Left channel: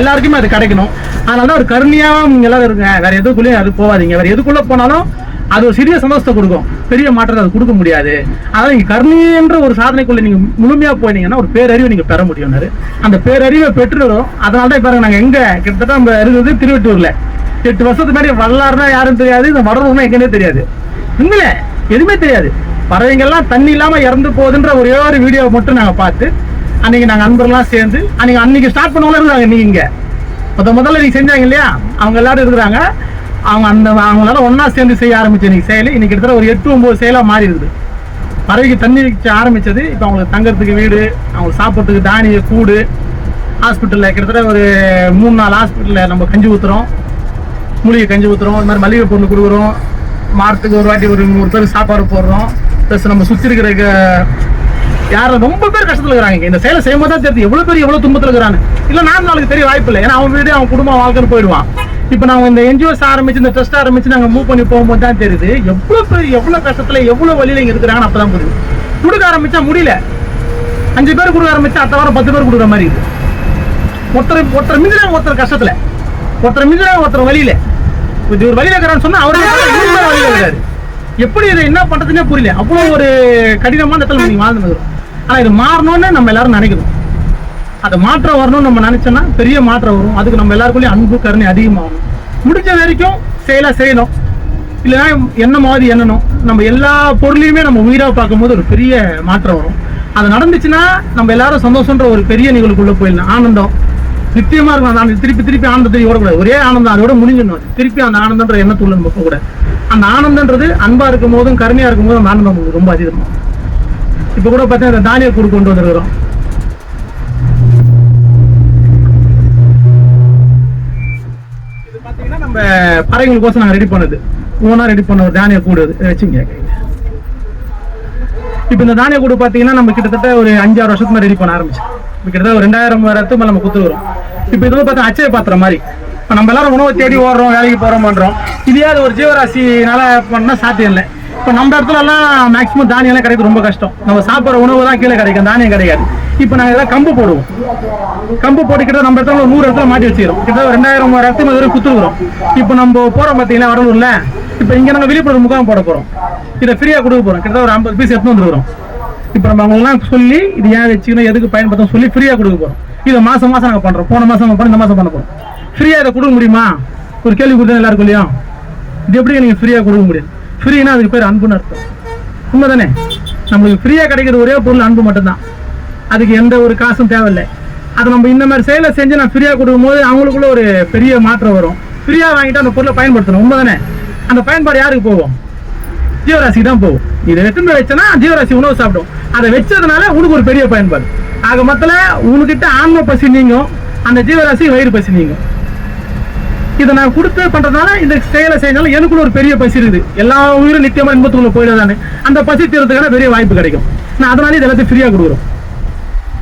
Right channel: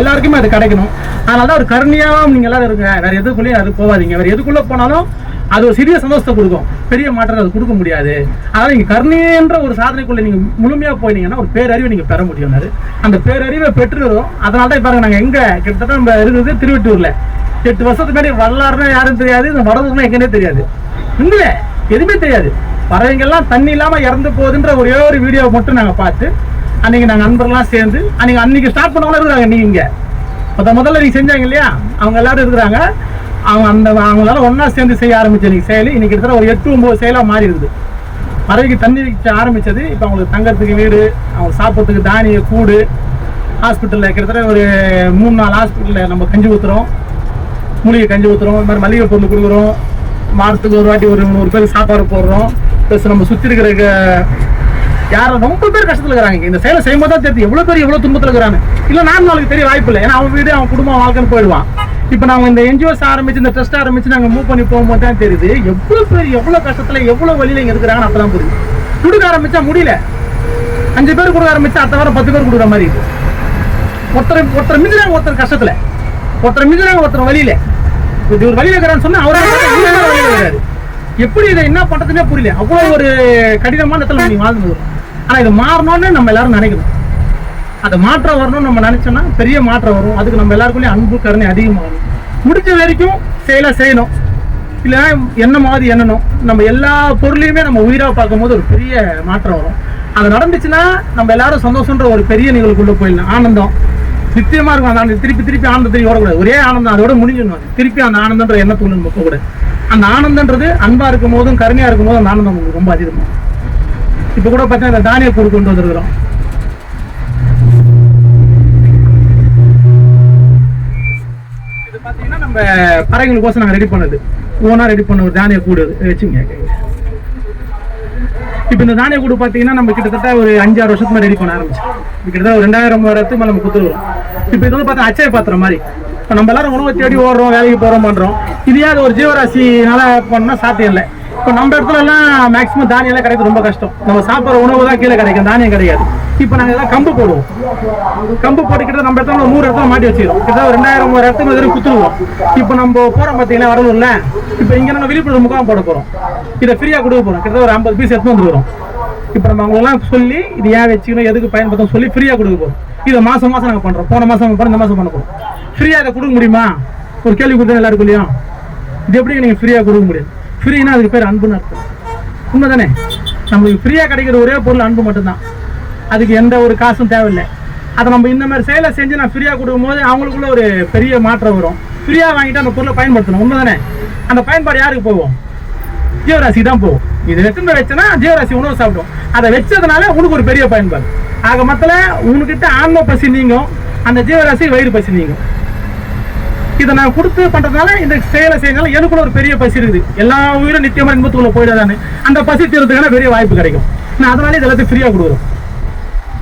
எல்லாருக்குமே அது கிடைக்கணும். அதனால ஒரு கருணையாக நீங்கள் எல்லாரும் இருங்க. வேற எதுக்குள்ளேயும் அது போகாதீங்க. வேற எதுக்குள்ளே போனாலும் அது ஒரு சிறிய சந்தோஷத்தை கொடுக்கும், பெரிய மாற்றத்தை அது கொடுக்க முடியாது. அதனால் நீங்கள் கருணைன்ற ஒரு சாதனைக்குள்ளே நீங்கள் முழுமையாக போனீங்கன்னா ஒரு பேரறிவை நீங்கள் பெற முடியும். அந்த பேரறிவை பெற்றுறோம். அதனால தான் பாருங்க, நாங்கள் எங்கே கிட்டத்தட்ட நம்ம இருக்கிறது திருவெட்டூரில் 8 வருஷத்துக்கு முன்னாடி வரலாறுனா யாரும் தெரியாது, இந்த வடலூர்னா எங்கன்னே தெரியாது, இங்கே எதுவுமே தெரியாது. பறவைங்கள்லாம் தண்ணி இல்லாமல் இறந்து போகுதுன்ற ஒரே ஒரு வீடியோவை மட்டும் நாங்கள் பார்த்து அன்றைக்கி நாங்கள் நண்பர்கள்லாம் சேர்ந்து அன்றைக்கி ஸ்டார்ட் பண்ணவங்களும் இருக்கிறாங்க. நீங்கள் முதல்ல நீங்கள் செஞ்சாங்க இல்லையா, அவங்க எல்லாரும் இருக்கிறாங்க. அவங்களால ஒன்றா சேர்ந்து செய்ய ஆரம்பிச்சு இன்னைக்கு செயல் இன்னைக்கு கிட்டத்தட்ட ஒரு 8-9 செயலாக மாறி இருக்குது. பறவைக்கு தண்ணி வச்சு ஆரம்பித்தது இப்போ அவங்களுக்கு தங்கறதுக்கு வீடு, அவங்களுக்கு சாப்பிட்றதுக்கு தானிய கூடு, ஹாஸ்பிட்டலில் கிட்டத்தட்ட ஒரு 3-4 ஹாஸ்பிட்டலில் நம்ம கஞ்சி ஊற்றுறோம், மூலிகை கஞ்சி ஊற்றுறோம், இந்த மாதிரி மளிகை பொருள் கொடுக்குறோம். மாதத்துக்கு ஒரு வாட்டி ஒரு 100 பேருக்கு சாப்பாடு போடுறோம். ப்ளஸ் நம்ம சுற்றி இருக்கிற யாரும் ரொம்ப பேர் கஷ்டத்தில் இருக்கிறாங்க. இந்த செயலை செய்யும் போது தான் தெரியுது எவ்வளோ துன்பத்தில் இருக்கிறாங்க. இல்லை நாளுக்கு தெரிய வாய்ப்பு இல்லை, ஏன்னா அவன் வீடு அவன் குடும்பம் வாழ்க்கைன்னு போயிடுவான். இப்போ நாங்கள் இந்த என்ஜிஓஸ் ஆரம்பிச்சு இந்த ட்ரஸ்ட் ஆரம்பிச்சு நாங்கள் மூவ் பண்ணி போகும்போது தான் தெரியுது எவ்வளோ கஷ்டத்தில் எவ்வளோ வழியில் இங்கே இருக்கிறாங்கன்னு. அப்போ தான் புரியுது. கொடுக்க ஆரம்பிச்சா முடியல, 5 பேர் கொடுக்க ஆரம்பிச்சா அடுத்த வாரம் 10 பேர் கொடுக்குற மாதிரி இருக்குது. ஒருத்தர் மிஞ்சினாங்க, ஒருத்தர் கஷ்டத்தில், ஒருத்தர் மிஞ்சினாங்க, ஒருத்தர் வழியில். இது ஒரு வழியில் இருக்கிறான்னு சொன்னால் அவரே வழியில் இருக்காரு. எப்படி இதை என்ன பண்ணுறதுன்னே புரியல. அவ்வளோ ஒரு கடினமான இடத்துல நீங்கள் வாழ்ந்து. ஆனால் இது மாறணும்னு நம்ம எல்லாரும் நினைக்கணும். அதை மாற்றம் வரணும்னு நம்ம நினைச்சோம்னா பெரிய மாற்றம் வரும். அதுக்கு நம்ம எல்லாருக்குள்ளேயும் அன்பு கருணை அதிகமாகணும். முடிஞ்ச வரைக்கும் செயலாக செய்யணும், இல்லைன்னா எண்ணமாவது எண்ணணும். நம்ம எல்லா பொருளையுமே நம்ம உயிராக பார்க்கும்போது ஒரு பெரிய மாற்றம் வரும். அது நடந்துச்சுன்னா நம்ம எல்லாரும் சந்தோஷன்ற ஒரு பெரிய நிகழ்வுக்குள்ளே போயிடலாம். ஆனந்தம் நிச்சயமா இருக்கும். அந்த திருப்பி ஆனந்தத்தை ஓடக்கூடாது. ஒரே ஆனந்தம் அதோட முடிஞ்சிடணும். திருப்பி அந்த ஆனந்தன்ற எண்ணத்துள்ள நம்ம போகக்கூடாது. அந்த ஆனந்தன்றது அன்பா இருக்கும் போதும் கருணையா இருக்கும் போதும் அந்த ஆனந்தம் ரொம்ப அதிகமாகும். இப்ப கூட பார்த்தீங்கன்னா இந்த தானிய கூடு கொண்டு வந்துருக்கிறோம். இது பார்த்தீங்கன்னா நம்ம பறவைகளுக்கோசம் நாங்கள் ரெடி பண்ணது, ஓனா ரெடி பண்ண ஒரு தானிய கூடு வச்சுங்க. இப்போ இந்த தானிய கூடு பார்த்தீங்கன்னா நம்ம கிட்டத்தட்ட ஒரு 5-6 வருஷத்துக்கு ரெடி பண்ண ஆரம்பிச்சு. கிட்டத்தட்ட ஒரு 2000 மேலே நம்ம கொடுத்துருக்குறோம். இப்போ இதெல்லாம் பார்த்தா அச்சய பாத்திரம் மாதிரி. இப்போ நம்ம எல்லாரும் உணவு தேடி ஓடுறோம், வேலைக்கு போகிறோம், பண்ணுறோம். இதே அது ஒரு ஜீவராசினால பண்ணால் சாத்தியம் இல்லை. இப்போ நம்ம இடத்துலலாம் மேக்ஸிமம் தானியெல்லாம் கிடைக்கிறது ரொம்ப கஷ்டம். நம்ம சாப்பிட்ற உணவு தான் கீழே கிடைக்கும், தானியம் கிடைக்காது. இப்போ நாங்கள் எதாவது கம்பு போடுவோம். கம்பு போட்டுக்கிட்ட நம்ம இடத்துல 100 இடத்துல மாட்டி வச்சுக்கிறோம். கிட்டத்தட்ட 2000 இடத்துல வரை குத்துருவோம். இப்போ நம்ம போகிறோம் பார்த்தீங்கன்னா வடலூரில். இப்போ இங்கே நம்ம விழிப்புணர்வு முகாம் போட போகிறோம். இதை ஃப்ரீயாக கொடுக்க போகிறோம். கிட்டத்தட்ட ஒரு 50 பீஸ் எடுத்து வந்துருக்கிறோம். இப்போ நம்ம அவங்களெல்லாம் சொல்லி இது ஏன் வச்சுக்கணும், எதுக்கு பயன்படுத்தணும் சொல்லி ஃப்ரீயாக கொடுக்க போகிறோம். இதை மாதம் நாங்கள் பண்ணுறோம். போன மாதம் நம்ம பண்ணோம், இந்த மாதம் பண்ண போகிறோம். ஃப்ரீயாக இதை கொடுக்க முடியுமா? ஒரு கேள்வி கொடுத்தா எல்லாருக்கும் இல்லையா? இது எப்படி நீங்கள் ஃப்ரீயாக கொடுக்க முடியும்? ஃப்ரீனா அதுக்கு பேர் அன்புன்னு அர்த்தம். உண்மை தானே? நம்மளுக்கு ஃப்ரீயாக கிடைக்கிற ஒரே பொருள் அன்பு மட்டும்தான். அதுக்கு எந்த ஒரு காசும் தேவையில்லை. அதை நம்ம இந்த மாதிரி செயலை செஞ்சு நான் ஃப்ரீயாக கொடுக்கும் போது அவங்களுக்குள்ள ஒரு பெரிய மாற்றம் வரும். ஃப்ரீயாக வாங்கிட்டு அந்த பொருளை பயன்படுத்தணும். உண்மை தானே? அந்த பயன்பாடு யாருக்கு போகும்? ஜீவராசி தான் போகும். இதை எடுத்துன்னு வச்சனா ஜீவராசி உணவு சாப்பிடும். அதை வச்சதுனால உனக்கு ஒரு பெரிய பயன்பாடு. ஆக மொத்தத்தில் உனக்கிட்ட ஆன்ம பசி நீங்கும், அந்த ஜீவராசி வயிறு பசி நீங்கும். இதை நான் கொடுத்து பண்றதுனால இந்த செயலை செய்யறதுனால எனக்குள்ள ஒரு பெரிய பசி இருக்குது. எல்லா உயிரும் நித்தியமா இன்பத்துக்குள்ள போயிடாதானே, அந்த பசி தீர்றதுக்கான பெரிய வாய்ப்பு கிடைக்கும். நான் அதனால இது எல்லாத்தையும் ஃப்ரீயா கொடுக்குறோம்.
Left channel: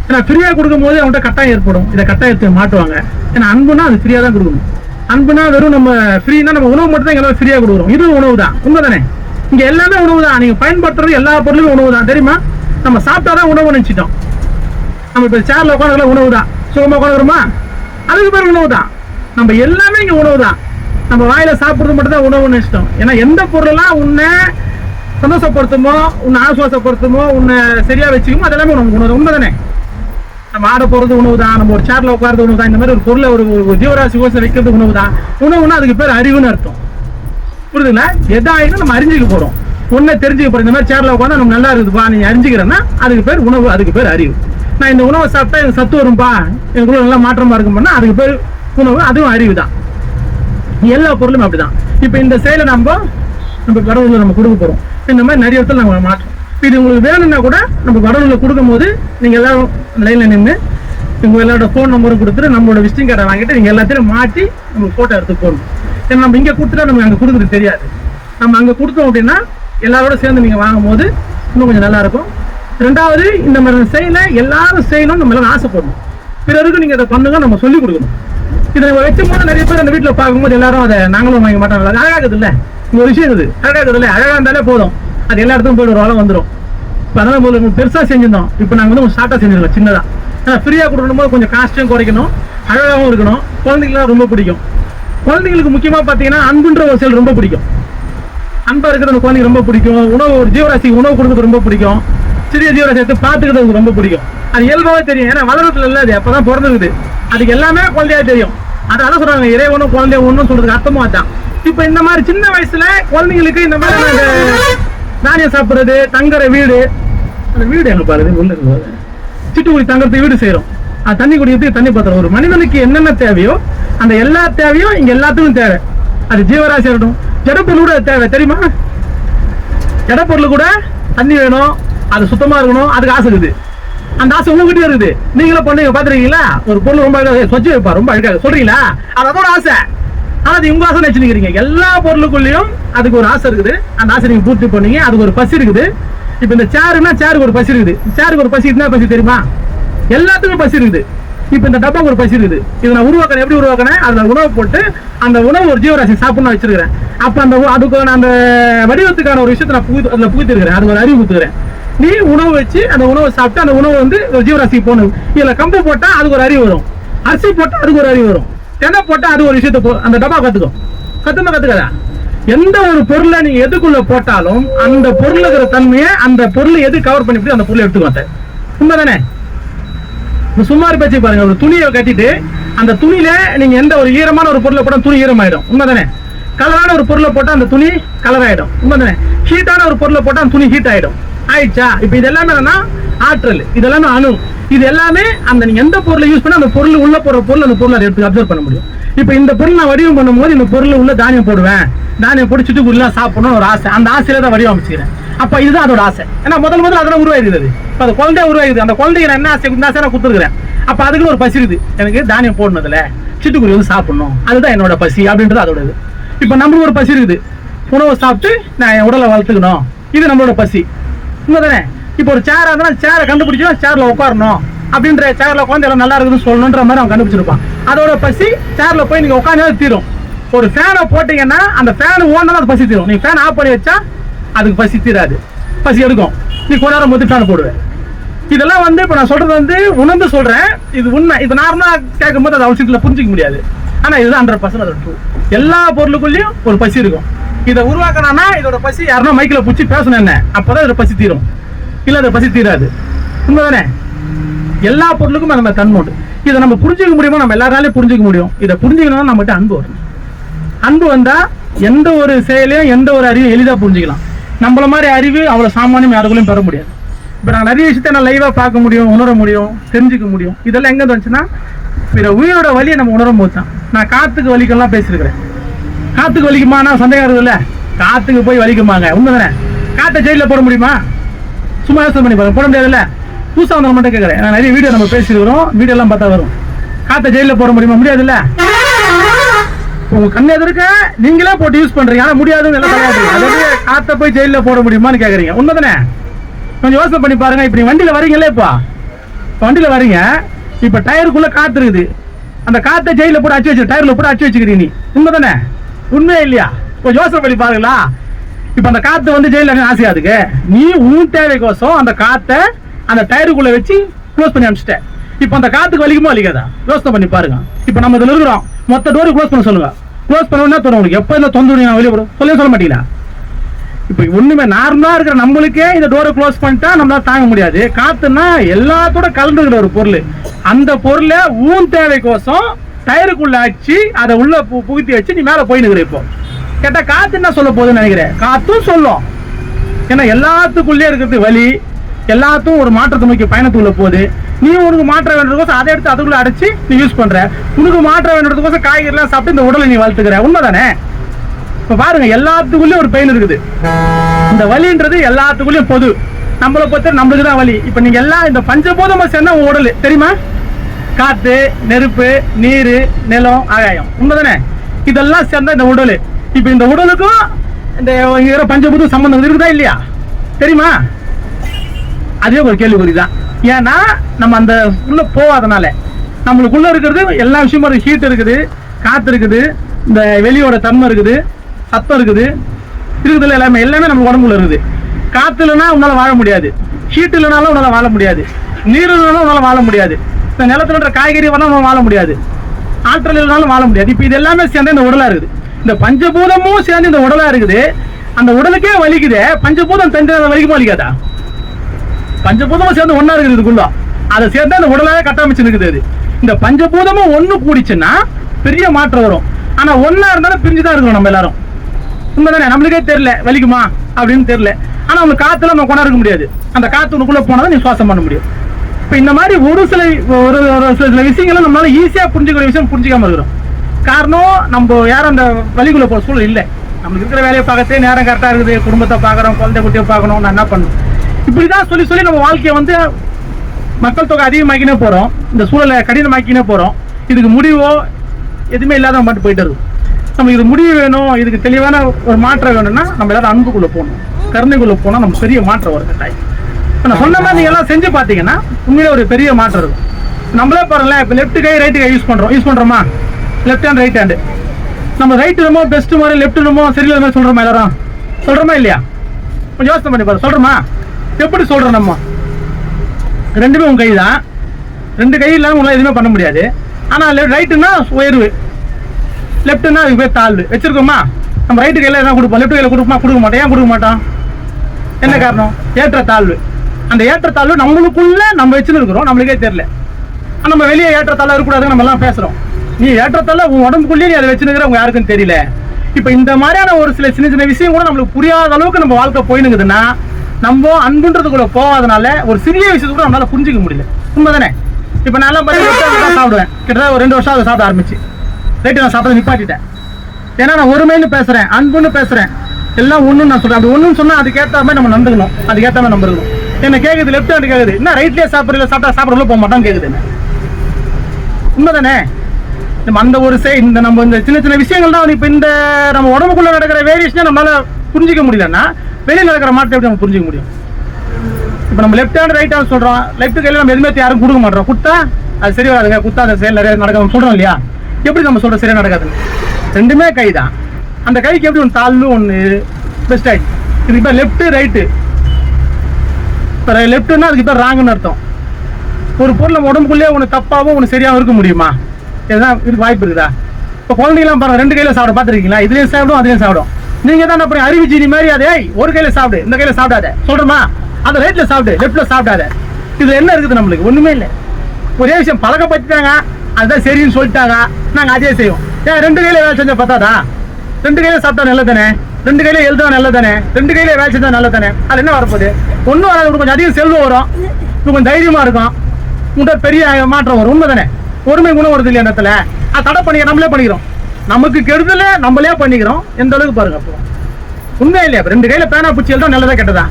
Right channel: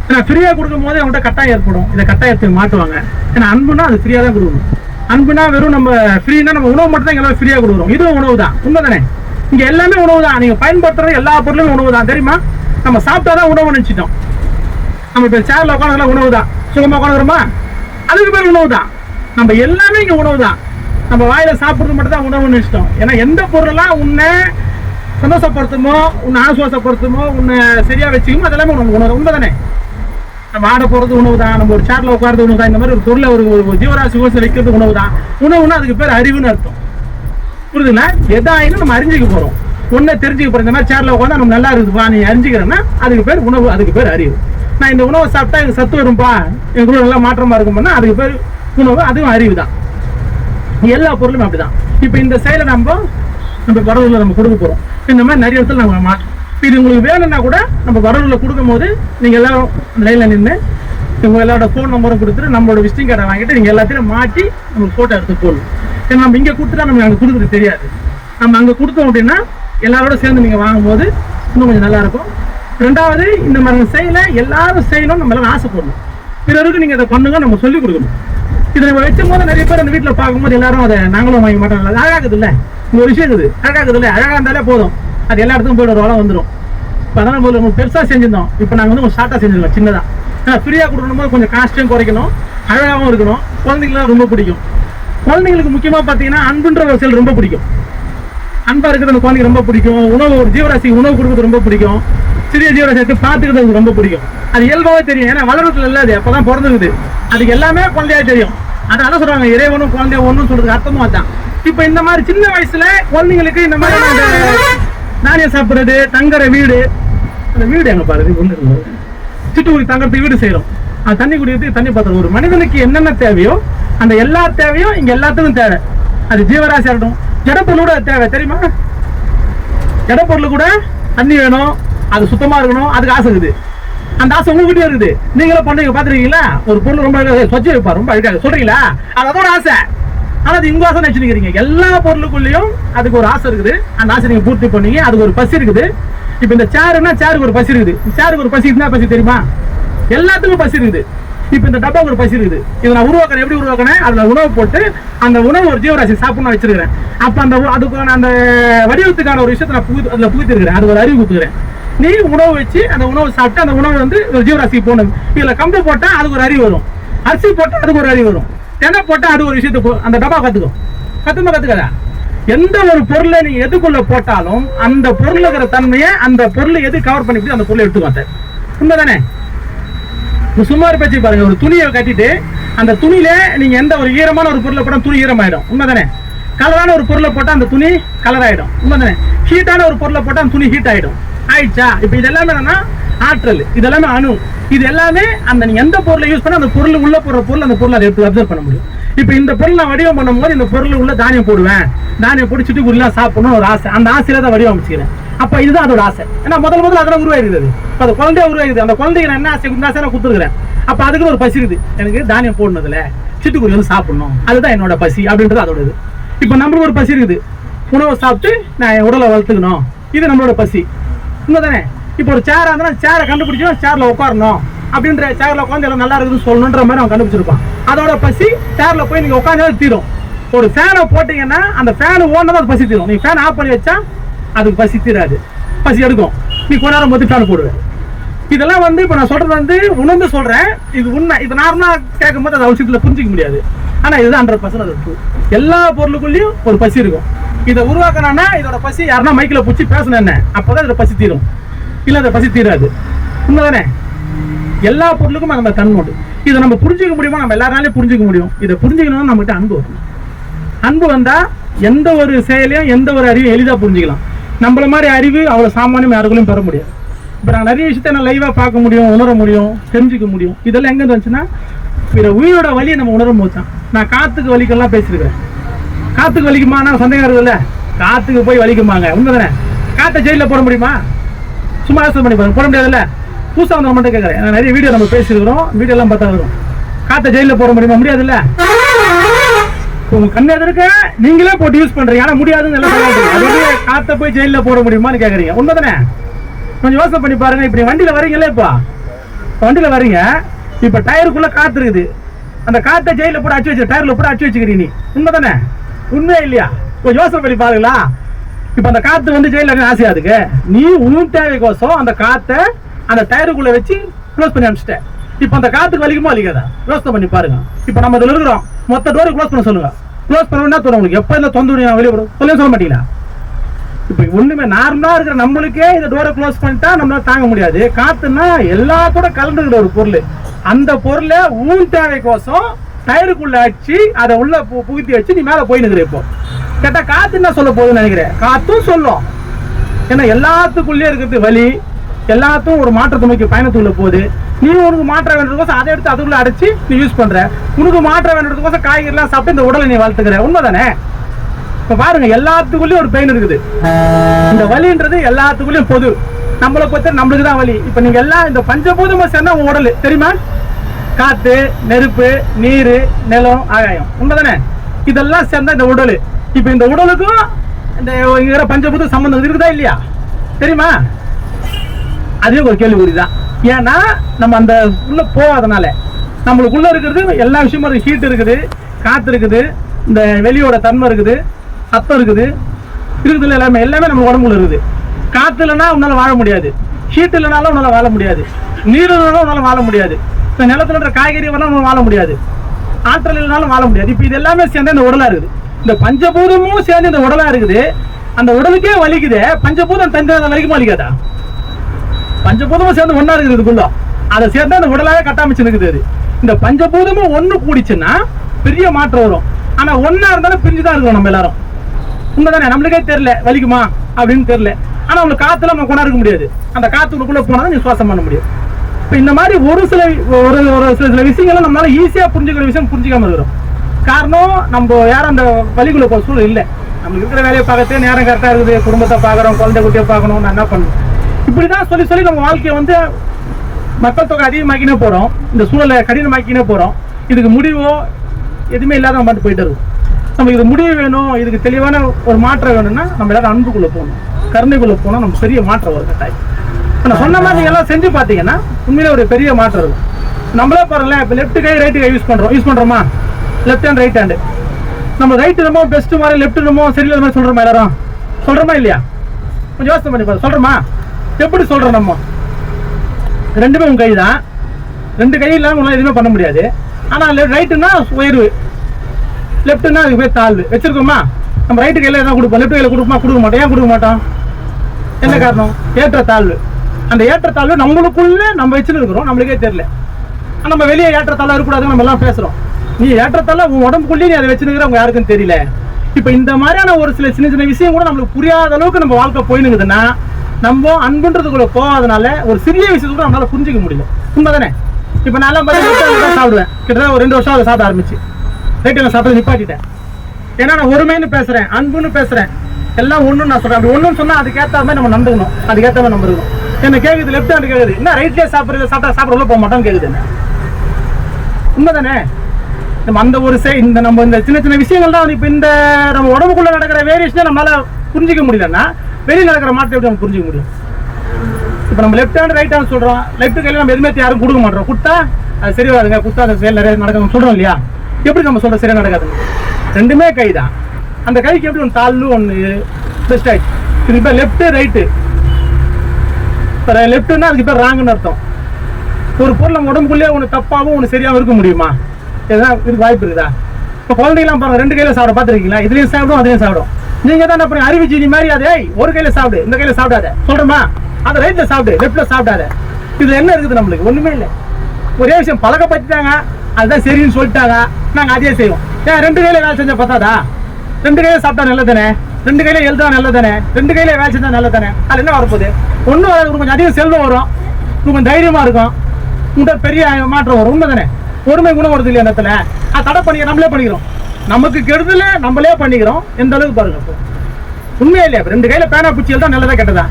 ஏன்னா ஃப்ரீயா கொடுக்கும் போது அவங்கள்ட்ட கட்டாயம் ஏற்படும். இதை கட்டாயத்தை மாட்டுவாங்க. ஏன்னா அன்புனா அது ஃப்ரீயா தான் கொடுக்கணும். அன்புனா வெறும் நம்ம ஃப்ரீனா நம்ம உணவு மட்டும் தான் எல்லாம் ஃப்ரீயா கொடுக்குறோம். இதுவும் உணவு தான். உண்மை தானே? இங்க எல்லாமே உணவு தான். நீங்க பயன்படுத்துறது எல்லா பொருளுமே உணவு தான். தெரியுமா? நம்ம சாப்பிட்டாதான் உணவு நினைச்சிட்டோம். நம்ம இப்ப சேர்ல உட்காந்து உணவு தான். சுகமா உட்காந்துக்கிறோமா? அதுக்கு பேர் உணவு தான். நம்ம எல்லாமே இங்க உணவு தான். நம்ம வாயில சாப்பிடுறது மட்டும் தான் உணவுன்னு நினைச்சிட்டோம். ஏன்னா எந்த பொருளெல்லாம் உன்னை சந்தோஷப்படுத்துமோ, உன்னை ஆசுவாசப்படுத்துமோ, உன்னை சரியா வச்சுக்குமோ அதெல்லாமே உனக்கு உணவு. உண்மை தானே? நம்ம ஆட போறது உணவு தான். நம்ம ஒரு சேர்ல உட்கார்றது உணவு தான். இந்த மாதிரி ஒரு பொருளை ஒரு ஜீவராசி ஓசை வைக்கிறது உணவு தான். உணவுன்னா அதுக்கு பேர் அறிவுன்னு அர்த்தம். புரியுதுங்களா? எதாயிரும் நம்ம அறிஞ்சிக்க போறோம். ஒன்றை தெரிஞ்சுக்க போறோம். இந்த மாதிரி சேர்ல உட்காந்தா நம்ம நல்லா இருக்குப்பா நீ அறிஞ்சிக்கிறேன்னா அதுக்கு பேர் உணவு, அதுக்கு பேர் அறிவு. நான் இந்த உணவை சாப்பிட்டா எனக்கு சத்து வரும்பா, என் நல்லா மாற்றமா இருக்கும்னா அதுக்கு பேர் உணவு, அதுவும் அறிவு தான். எல்லா பொருளும் அப்படிதான். இப்போ இந்த செயலை நம்ம கடவுளில் நம்ம கொடுக்க போறோம். இந்த மாதிரி நிறைய இடத்துல நம்ம மாற்றோம். இது உங்களுக்கு வேணும்னா கூட நம்ம கடவுளில் கொடுக்கும் போது நீங்க எல்லாம் லைன்ல நின்று உங்க எல்லாரோட ஃபோன் நம்பரும் கொடுத்துட்டு நம்மளோட விசிட்டிங் கார்டை வாங்கிட்டு நீங்க எல்லாத்தையும் மாட்டி உங்களுக்கு போட்டோ எடுத்து போடணும். நம்ம இங்கே கொடுத்துட்டா நம்ம அங்கே கொடுக்குறது தெரியாது. நம்ம அங்கே கொடுத்தோம் அப்படின்னா எல்லாரோட சேர்ந்து நீங்க வாங்கும் போது இன்னும் கொஞ்சம் நல்லா இருக்கும். ரெண்டாவது, இந்த மாதிரி செயலை எல்லாரும் செய்யணும், நம்ம எல்லாம் ஆசைப்படணும். பிறருக்கு நீங்க இதை பண்ணுங்க, நம்ம சொல்லிக் கொடுக்கணும். இதை நம்ம வைக்கும் போது நிறைய பேர் அந்த வீட்டில் பார்க்கும்போது எல்லாரும் அதை நாங்களும் வாங்க மாட்டோம். அது அழகாகுது இல்லை? இந்த ஒரு விஷயம் இருக்குது, அழகாகுது இல்லை? அழகா இருந்தாலே போதும், அது எல்லா இடத்துக்கும் போயிட ஒரு வளம் வந்துடும். இப்போ அதனால முதல்ல பெருசாக செஞ்சிருந்தோம். இப்போ நாங்கள் வந்து ஷார்ட்டாக செஞ்சிடலாம், சின்னதாக. ஃப்ரீயாக கொடுக்கணும் போது கொஞ்சம் காஸ்ட்டையும் குறைக்கணும், அழகாகவும் இருக்கணும். குழந்தைங்களுக்கு ரொம்ப பிடிக்கும். குழந்தைங்களுக்கு முக்கியமாக பார்த்தீங்கன்னா அன்புன்ற ஒரு செயல் ரொம்ப பிடிக்கும். அன்பாக இருக்கிறது அந்த குழந்தைக்கு ரொம்ப பிடிக்கும். உணவு, ஒரு ஜீவராசி உணவு கொடுக்குறது ரொம்ப பிடிக்கும். சிறிய ஜீவராசியத்தை பார்த்துக்கிறது ரொம்ப பிடிக்கும். அது இயல்பாகவே தெரியும். ஏன்னா வளரத்துல இல்லை, அது அப்போ தான் பிறந்துருக்குது. அதுக்கு எல்லாமே குழந்தையாக தெரியும். அதனால சொல்கிறாங்க இறைவனும் குழந்தை ஒன்றும் சொல்கிறதுக்கு அர்த்தமும் அதுதான். இப்போ இந்த மாதிரி சின்ன வயசுல குழந்தைங்களுக்கு இந்த மாதிரி தானியம் சாப்பிட்றது, தங்குற வீடு, அந்த வீடு எங்கே பாருது உள்ள சிட்டுக்குடி தங்கறதுக்கு வீடு செய்கிறோம். அது தண்ணி குடிக்கிறதுக்கு தண்ணி பாத்திரம். ஒரு மனிதனுக்கு என்னென்ன தேவையோ அந்த எல்லா தேவையும் இங்கே எல்லாத்துக்கும் தேவை. அது ஜீவராசியாக இருக்கட்டும், ஜடப்பொருள் கூட தேவை. தெரியுமா? ஜடப்பொருள் கூட தண்ணி வேணும், அது சுத்தமாக இருக்கணும், அதுக்கு ஆசை இருக்குது. அந்த ஆசை உங்ககிட்டயே இருக்குது. நீங்களும் பண்ணீங்க பார்த்துருக்கீங்களா? ஒரு பொருள் ரொம்ப சொச்சு வைப்பா, ரொம்ப அழுக்காது சொல்றீங்களா? அது அதோட ஆசை. ஆனால் அது உங்க ஆசை நினைச்சுக்கிறீங்க. எல்லா பொருளுக்குள்ளேயும் அதுக்கு ஒரு ஆசை இருக்குது. அந்த ஆசை நீங்க பூர்த்தி பண்ணீங்க. அதுக்கு ஒரு பசி இருக்குது. இப்போ இந்த சேருன்னா சேருக்கு ஒரு பசி இருக்குது. சேருக்கு ஒரு பசி என்ன பசி தெரியுமா? எல்லாத்துக்கும் பசி இருக்குது. இப்போ இந்த டப்பாவுக்கு ஒரு பசி இருக்குது. இதை நான் உருவாக்கினேன். எப்படி உருவாக்கினேன்? அதில் உணவு போட்டு அந்த உணவு ஒரு ஜீவராசி சாப்பிட்ணும் வச்சிருக்கிறேன். அப்போ அந்த அதுக்கான அந்த வடிவத்துக்கான ஒரு விஷயத்தை நான் அதில் புகுத்திருக்கிறேன். அது ஒரு அறிவு கொடுத்துக்கிறேன். நீ உணவு வச்சு அந்த உணவை சாப்பிட்டு அந்த உணவு வந்து ஒரு ஜீவராசிக்கு போகணும். இதில் கம்பு போட்டால் அதுக்கு ஒரு அறிவு வரும், அரிசி போட்டால் அதுக்கு ஒரு அறிவு வரும், எண்ணெய் போட்டால் அது ஒரு விஷயத்தை அந்த டப்பா கற்றுக்கும். கற்றுக்காதா? எந்த ஒரு பொருளை நீ எதுக்குள்ள போட்டாலும் அந்த பொருள் இருக்கிற தன்மையை அந்த பொருள் எது கவர் பண்ணிட்டு அந்த பொருளை எடுத்துக்காத்த. உண்மைதானே? சுமார் பேச்சு பாருங்க. ஒரு துணியை கட்டிட்டு அந்த துணியில நீங்க எந்த ஒரு ஈரமான ஒரு பொருளை போட்டா துணி ஈரமாயிடும். உண்மைதானே? கலரான ஒரு பொருளை போட்டா அந்த துணி கலர் ஆயிடும். உண்மைதானே? ஹீட்டான ஒரு பொருளை போட்டா அந்த துணி ஹீட் ஆயிடும். ஆயிடுச்சா? இப்ப இது எல்லாமே என்னன்னா ஆற்றல், இது எல்லாமே அணு, இது எல்லாமே அந்த நீங்க எந்த பொருளை யூஸ் பண்ண அந்த பொருள் உள்ள போற பொருள் அந்த பொருளை எடுத்து அப்சர்வ் பண்ண முடியும். இப்ப இந்த பொருள் நான் வடிவம் பண்ணும்போது இந்த பொருள் உள்ள தானியம் போடுவேன், தானியம் போட்டு சிட்டுக்குருளா சாப்பிடணும் ஒரு ஆசை. அந்த ஆசையில தான் வடிவம் அமைச்சுக்கிறேன். அப்ப இதுதான் அதோட ஆசை. ஏன்னா முதல்ல அதெல்லாம் உருவாயிருது. இப்போ அந்த குழந்தை உருவாயிருது. அந்த குழந்தைய நான் என்ன ஆசை இந்த ஆசை நான் கொடுத்துருக்கிறேன். அப்ப அதுக்கு ஒரு பசி இருக்குது. எனக்கு தானியம் போடணுதுல சிட்டுக்குருவி வந்து சாப்பிடணும், அதுதான் என்னோட பசி அப்படின்றது அதோட இது. இப்ப நம்மளுக்கு ஒரு பசி இருக்குது. உணவை சாப்பிட்டு நான் என் உடலை வளர்த்துக்கணும், இது நம்மளோட பசி. உண்மைதானே? இப்போ ஒரு சேர் இருந்தால் சேரை கண்டுபிடிச்சோம், சேர்ல உட்காரணும் அப்படின்ற, சேர்ல உட்காந்து எல்லாம் நல்லா இருக்குதுன்னு சொல்லணுன்ற மாதிரி அவன் கண்டுபிடிச்சிருப்பான். அதோட பசி சேர்ல போய் நீங்க உட்காந்து தீரும். ஒரு ஃபேனை போட்டீங்கன்னா அந்த ஃபேன் ஓடனா அது பசி தீரும். நீங்க ஃபேன் ஆஃப் பண்ணி வச்சா அதுக்கு பசி தீராது, பசி எடுக்கும். நீ கொஞ்ச நேரம் போட்டு ஃபேன் போடுவேன். இதெல்லாம் வந்து இப்போ நான் சொல்றது வந்து உணர்ந்து சொல்றேன். இது உண்மை. இது நார்மலா கேட்கும் போது அது அவசியத்தில் புரிஞ்சிக்க முடியாது. ஆனா இதுதான் 100% அது ட்ரூ. எல்லா பொருளுக்குள்ளேயும் ஒரு பசி இருக்கும். இதை உருவாக்கணும்னா இதோட பசி யாருன்னா மைக்கில் பிடிச்சி பேசணும் என்ன, அப்பதான் இதோட பசி தீரும். இல்ல அந்த பசி தீராது. உண்மைதானே? எல்லா பொருளுக்கும் நம்ம தன்மை உண்டு. இதை நம்ம புரிஞ்சுக்க முடியுமா? நம்ம எல்லாராலையும் புரிஞ்சுக்க முடியும். இதை புரிஞ்சுக்கணும்னா நம்மகிட்ட அன்பு வரணும். அன்பு வந்தா எந்த ஒரு செயலையும் எந்த ஒரு அறிவும் எளிதா புரிஞ்சுக்கலாம். நம்மள மாதிரி அறிவு அவ்வளவு சாமானியம் யாருக்குள்ளையும் பெற முடியாது. இப்போ நான் நிறைய விஷயத்தை நான் லைவா பார்க்க முடியும், உணர முடியும், தெரிஞ்சுக்க முடியும். இதெல்லாம் எங்க வந்துச்சுன்னா உயிரோட வலியை நம்ம உணரும் போது தான். நான் காத்துக்கு வலிக்கெல்லாம் பேசியிருக்கிறேன். காத்துக்கு வலிக்குமா? நான் சந்தேகம் இருக்குல்ல, காத்துக்கு போய் வலிக்குமாங்க. உண்மைதானே? காற்றை ஜெயிலில் போட முடியுமா? சும்மா யோசனை பண்ணி பாருங்க, போட முடியாதுல்ல. புதுசாக வந்தவங்க மட்டும் கேட்குறேன். நான் நிறைய வீடியோ நம்ம பேசிக்கிறோம், வீடியோ எல்லாம் பார்த்தா வரும். காற்றை ஜெயிலில் போட முடியுமா? முடியாதுல்ல. உங்க கண்ணு எதிர்க்க நீங்களே போட்டு யூஸ் பண்றீங்க, ஆனா முடியாதுன்னு எல்லாம் சொல்லுவாங்க. அதே காற்றை போய் ஜெயிலில் போட முடியுமான்னு கேட்குறீங்க. உண்மைதானே? கொஞ்சம் யோசனை பண்ணி பாருங்க. இப்ப வண்டியில வரீங்களே, இப்போ வண்டியில வரீங்க, இப்ப டயருக்குள்ள காத்து இருக்குது. அந்த காத்தை ஜெயில போட்டு அச்சு வச்சு டயர்ல போட்டு அச்சு வச்சுக்கிறீங்க. உண்மைதானே? உண்மையா இல்லையா? கொஞ்சம் யோசனை பண்ணி பாருங்களா. இப்ப அந்த காத்து வந்து ஜெயில ஆசையா இருக்கு. நீ உன் தேவைக்கோசம் அந்த காத்தை அந்த டயருக்குள்ள வச்சு க்ளோஸ் பண்ணி அனுப்பிச்சிட்ட. இப்ப அந்த காத்துக்கு வலிக்குமோ வலிக்காதா? யோசனை பண்ணி பாருங்க. இப்ப நம்ம இதுல இருக்கிறோம், மொத்த டோரை க்ளோஸ் பண்ண சொல்லுங்க. க்ளோஸ் பண்ணா தோணும் உங்களுக்கு. எப்ப இந்த தொந்து வெளியே வரும் சொல்ல மாட்டீங்களா? இப்ப ஒண்ணுமே நார்மலா இருக்கிற நம்மளுக்கே இந்த டோரை க்ளோஸ் பண்ணிட்டா நம்மளால தாங்க முடியாது. காத்துன்னா எல்லாத்தோட கலந்துக்கிற ஒரு பொருள். அந்த பொருளை ஊன் தேவைக்கோசம் டயருக்குள்ள வச்சு அதை உள்ள புகுத்தி வச்சு நீ மேல போய் நிற்கிற. இப்போ கேட்டா காத்து என்ன சொல்ல போகுதுன்னு நினைக்கிறேன். காத்தும் சொல்லும். ஏன்னா எல்லாத்துக்குள்ளே இருக்கிறது வலி, எல்லாத்தும் ஒரு மாற்றத்தை நோக்கி பயணத்துக்குள்ள போகுது. நீ உனக்கு மாற்ற வேண்டியதுக்கோசம் அதை எடுத்து அதுக்குள்ள அடிச்சு நீ யூஸ் பண்ற. உனக்கு மாற்ற வேண்டியதுக்கோசம் காய்கறி எல்லாம் சாப்பிட்டு இந்த உடலை நீ வளர்த்துக்கிற. உண்மைதானே? இப்ப பாருங்க, எல்லாத்துக்குள்ளயும் ஒரு பெயின் இருக்குது. இந்த வலின்றது எல்லாத்துக்குள்ளயும் பொது. நம்மளை பொறுத்த நம்மளுக்கு தான் வலி. இப்ப நீங்க எல்லாம் இந்த பஞ்சபூதமா சேர்ந்தா உங்க உடல் தெரியுமா? காத்து, நெருப்பு, நீர், நிலம், ஆகாயம். உண்மைதானே? இதெல்லாம் சேர்ந்தா இந்த உடல். இப்ப இந்த உடலுக்கும் இந்த பஞ்சபூத சம்பந்தம் இருக்குதா இல்லையா? தெரியுமா? அதே ஒரு கேள்விக்குறிதான். ஏன்னா நம்ம அந்த உள்ள போகாதனால நம்மளுக்குள்ள இருக்கிறது எல்லா விஷயமும் ஹீட் இருக்குது, காத்து இருக்குது, இந்த வெளியோட தன்மை இருக்குது, சத்தம் இருக்குது, இருக்குதுல எல்லாமே நம்ம உடம்புல இருக்குது. காத்து இல்லைன்னா உன்னால வாழ முடியாது, ஹீட் இல்லைனாலும் உன்னால வாழ முடியாது, நீர் இல்லைனாலும் உன்னால வாழ முடியாது. இந்த நிலத்துல காய்கறி வரலாம் நம்ம வாழ முடியாது, ஆற்றல் இல்லைனாலும் வாழ முடியாது. இப்போ இது எல்லாமே சேர்ந்து இந்த உடலா இருக்குது. இந்த பஞ்சபூதமும் சேர்ந்து இந்த உடலா இருக்குது. அந்த உடலுக்கே வலிக்குது, பஞ்சபூதம் தந்தை வலிக்குமா வலிக்காதா? பஞ்சபூதமும் சேர்ந்து ஒன்னா இருக்குது இதுக்குள்ள, அதை சேர்ந்து அந்த உடலாவே கட்டாமிச்சு இருக்குது. இந்த பஞ்சபூதமும் ஒண்ணு கூடிச்சுன்னா பெரிய மாற்றம் வரும். ஆனா ஒன்னா இருந்தாலும் பிரிஞ்சுதான் இருக்கிறோம் நம்ம எல்லாரும். உண்மைதானே? நம்மளுக்கே தெரியல வலிக்குமா அப்படின்னு தெரியல. ஆனா அவங்க காத்துல நம்ம கொண்டாட முடியாது. அந்த காத்து உனக்குள்ள போனாலும் நீ சுவாசம் பண்ண முடியும். இப்ப இந்த மாதிரி ஒரு சில விஷயங்களை நம்மளால ஈஸியா புரிஞ்சுக்கிற விஷயம் புரிஞ்சுக்காம இருக்கிறோம். காரணம் நம்ம யாரும் அந்த வழிக்குள்ள போற சூழல் இல்லை. நம்மளுக்கு இருக்கிற வேலையை பார்க்கறதே நேரம் கரெக்டா இருக்குது, குடும்பத்தை பார்க்கறோம், குழந்தை குட்டியை பார்க்கணும், நான் என்ன பண்ணணும், இப்படிதான் சொல்லி நம்ம வாழ்க்கையை வந்து மக்கள் தொகை அதிகமாக்கினே போறோம், இந்த சூழலை கடினமாக்கினே போறோம். இதுக்கு முடிவோ எதுவுமே இல்லாத மட்டும் போயிட்டு இருக்கு. நமக்கு இது முடிவு வேணும், இதுக்கு தெளிவான ஒரு மாற்றம் வேணும்னா நம்ம எல்லாரும் அன்புக்குள்ள போகணும், கருணைக்குள்ள போனா நம்ம பெரிய மாற்றம் வரும். கட்டாயம் நான் சொன்ன மாதிரி நீங்க எல்லாம் செஞ்சு பார்த்தீங்கன்னா உண்மையிலே ஒரு பெரிய மாற்றம் இருக்கும். நம்மளே பாருங்களேன், இப்போ லெஃப்ட் கை ரைட்டு கை யூஸ் பண்றோமா? Left hand right hand. நம்ம ரைட்டு நம்ம பெஸ்ட் மாதிரி, லெஃப்ட் நம்ம சரியில்லாத மாதிரி சொல்றோமா? எல்லாரும் சொல்றோமா இல்லையா? கொஞ்சம் யோசனை பண்ணி பாரு, சொல்றோமா? எப்படி சொல்றோம்? நம்ம ரெண்டுமே உங்க கை தான், ரெண்டு கை இல்லாம உங்களால் எதுவுமே பண்ண முடியாது. ஆனா ரைட்டுன்னா உயர்வு, லெஃப்ட்னா அதுக்கு பேர் தாழ்வு வச்சிருக்கோமா? நம்ம ரைட்டு கையில தான் கொடுப்போம், லெஃப்ட் கையில கொடுப்போமா? கொடுக்க மாட்டோம். ஏன் கொடுக்க மாட்டோம்? என்ன காரணம்? ஏற்ற தாழ்வு. அந்த ஏற்றத்தாழ்வு நம்மளுக்குள்ள நம்ம வச்சுன்னு இருக்கிறோம், நம்மளுக்கே தெரியல. நம்ம வெளியே ஏற்றத்தாழ்வு இருக்கக்கூடாதுன்னு நம்ம எல்லாம் பேசுறோம். நீ ஏற்றத்தாழ்வு உங்க உடம்புக்குள்ளேயே நீ அதை வச்சுருக்கிற உங்க யாருக்கும் தெரியல. இப்ப இந்த மாதிரியான ஒரு சில சின்ன சின்ன விஷயம் கூட நம்மளுக்கு புரியாத அளவுக்கு நம்ம வாழ்க்கை போயினுக்குதுன்னா நம்ம அன்புன்றதுக்குள்ள போகாதனால ஒரு சிறிய விஷயத்தை கூட நம்மளால புரிஞ்சிக்க முடியல. உண்மைதானே? இப்ப நான் எல்லாம் சாப்பிடுவேன், கிட்டத்தட்ட ஒரு 2 வருஷம் அதை சாப்பிட ஆரம்பிச்சு. ரைட்டு நான் சாப்பிட நிப்பாட்டிட்டேன். ஏன்னா நான் ஒருமைன்னு பேசுறேன், அன்புன்னு பேசுறேன், எல்லாம் ஒண்ணுன்னு நான் சொல்றேன். அப்படி ஒண்ணுன்னு சொன்னா அதுக்கேற்ற மாதிரி நம்ம நம்புக்கணும், அதுக்கேற்ற மாதிரி நம்ம இருக்கணும். என்ன கேக்குது லெஃப்ட் ஹேண்ட் கேக்குது, என்ன ரைட்லயே சாப்பிடல, சாப்பிடல போக மாட்டோம் கேக்குது. என்ன உண்மைதானே? நம்ம அந்த ஒரு இந்த நம்ம இந்த சின்ன சின்ன விஷயங்கள் தான் இப்ப இந்த நம்ம உடம்புக்குள்ள நடக்கிற வேரியேஷனை நம்மளால புரிஞ்சிக்க முடியலன்னா வெளியில் நடக்கிற மாற்றம் எப்படி நம்ம புரிஞ்சிக்க முடியும்? இப்ப நம்ம லெஃப்ட் ஹேண்ட் ரைட் ஹேண்ட் சொல்றோம், லெஃப்ட் கையில நம்ம எதுவுமே யாரும் கொடுக்க மாட்டோம். குத்தா அது சரி வராதுங்க, குத்தா அந்த செயல் நிறைய நடக்கும் சொல்றோம் இல்லையா? எப்படி நம்ம சொல்ற சரியா நடக்காது? ரெண்டுமே கை தான். அந்த கைக்கு எப்படி ஒன்று தாழ்வு ஒன்று பெஸ்ட் ஆயிடுச்சு. இது இப்போ லெஃப்ட் ரைட்டு. இப்போ லெஃப்ட்னா அதுக்கு இப்போ ராங்குன்னு அர்த்தம். ஒரு பொருள் நம்ம உடம்புக்குள்ளேயே ஒன்று தப்பாகவும் ஒன்று சரியாகவும் இருக்க முடியுமா? எதுதான் இதுக்கு வாய்ப்பு இருக்குதா? இப்போ குழந்தைங்களாம் பாருங்க, 2 கையில சாப்பிட பார்த்துருக்கீங்களா? இதுலேயும் சாப்பிடும் அதுலேயும் சாப்பிடும். நீங்க தான் அப்புறம் அறிவுஜீனி மாதிரி அதே ஒரு கையில சாப்பிடு, இந்த கையில சாப்பிடாத சொல்றோமா? அந்த ரைட்ல சாப்பிடு, லெஃப்ட்ல சாப்பிடாத. இது என்ன இருக்குது? நம்மளுக்கு ஒண்ணுமே இல்லை. ஒரே விஷயம் பழக்கப்படுத்திட்டாங்க, அதுதான் சரின்னு சொல்லிட்டாங்க, நாங்க அதே செய்வோம். ஏன் 2 கையில வேலை செஞ்சா பத்தாதா? 2 கையில சாப்பிட்டா நல்லதானே, 2 கையில எழுதா நல்லதானே, 2 கையில வேலை செஞ்சா நல்லதானே. அது என்ன வரப்போகுது? ஒன்றும் வராது. கொஞ்சம் அதிகம் செல்வம் வரும், கொஞ்சம் தைரியமா இருக்கும், உங்கள்கிட்ட பெரிய மாற்றம் வரும். உண்மைதானே? ஒருமை குணம் வருது இல்லையா? இடத்துல அது தடை பண்ணி நம்மளே பண்ணிக்கிறோம், நமக்கு கெடுதல நம்மளே பண்ணிக்கிறோம். எந்த அளவுக்கு பாருங்க. அப்போ உண்மையே இல்லையா? 2 கையில பேனா பிடிச்சி எழுதா நல்லதா கெட்டதா?